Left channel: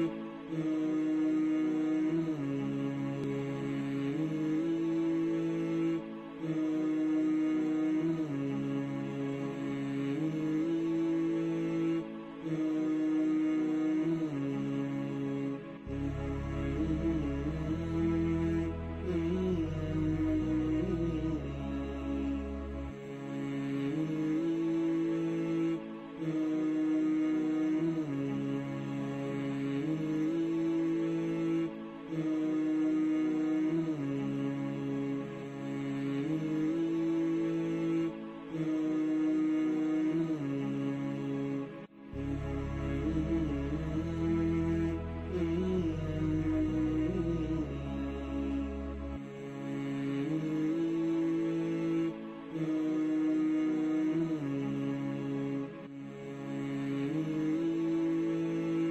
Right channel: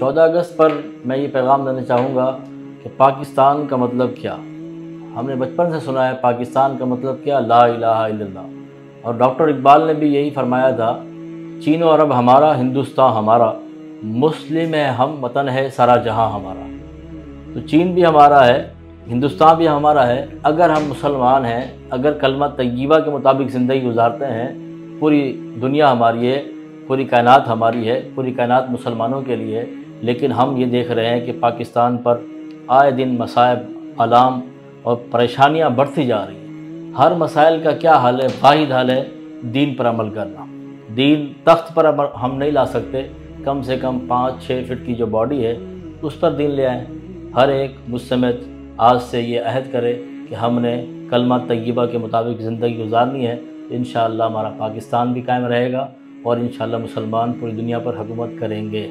14 اگست پر میں یہ پیغام دینا چاہوں گا کہ پاکستان کا مطلب کیا؟ ہم نے بچپن سے سنا ہے پاکستان کا مطلب کیا، لا الہ الا اللہ، اور ڈاکٹر اقبال نے بھی یہی فرمایا تھا، چین و عرب ہمارا، ہندوستان ہمارا، مسلم ہے ہم، وطن ہے سارا جہاں ہمارا۔ تو چین بھی ہمارا ہے، ہندوستان بھی ہمارا ہے، اگر ہم مسلمان ہیں، اگر کلمہ طیبہ کے مطابق زندگی گزارتے ہیں، پوری دنیا ہماری ہے، پوری کائنات ہماری ہے، پوری کائنات مسلمانوں کے لیے ہے۔ لیکن ہم یہ دیکھ رہے ہیں کہ پاکستان پر آئے دن مصائب، آلام اور پریشانیاں بڑھتی جا رہی ہیں۔ ہر مسائل کا کیا حل ہے؟ واحد حل ہے دین پر عمل کرنا۔ دین تخت پر ہم نہیں لا سکتے، کم سے کم 5-6 فٹ کی جو باڈی ہے اس پر دین لے آئیں۔ ہر ایک مجھ سمیت آج سے یہ عہد کرے کہ ہم نے کلمہ طیبہ کے مطابق زندگی گزارنی ہے، انشاءاللہ ہمارا پاکستان بھی قائم رہے گا اور انشاءاللہ مسلمان پوری دنیا پر حکومت کریں گے۔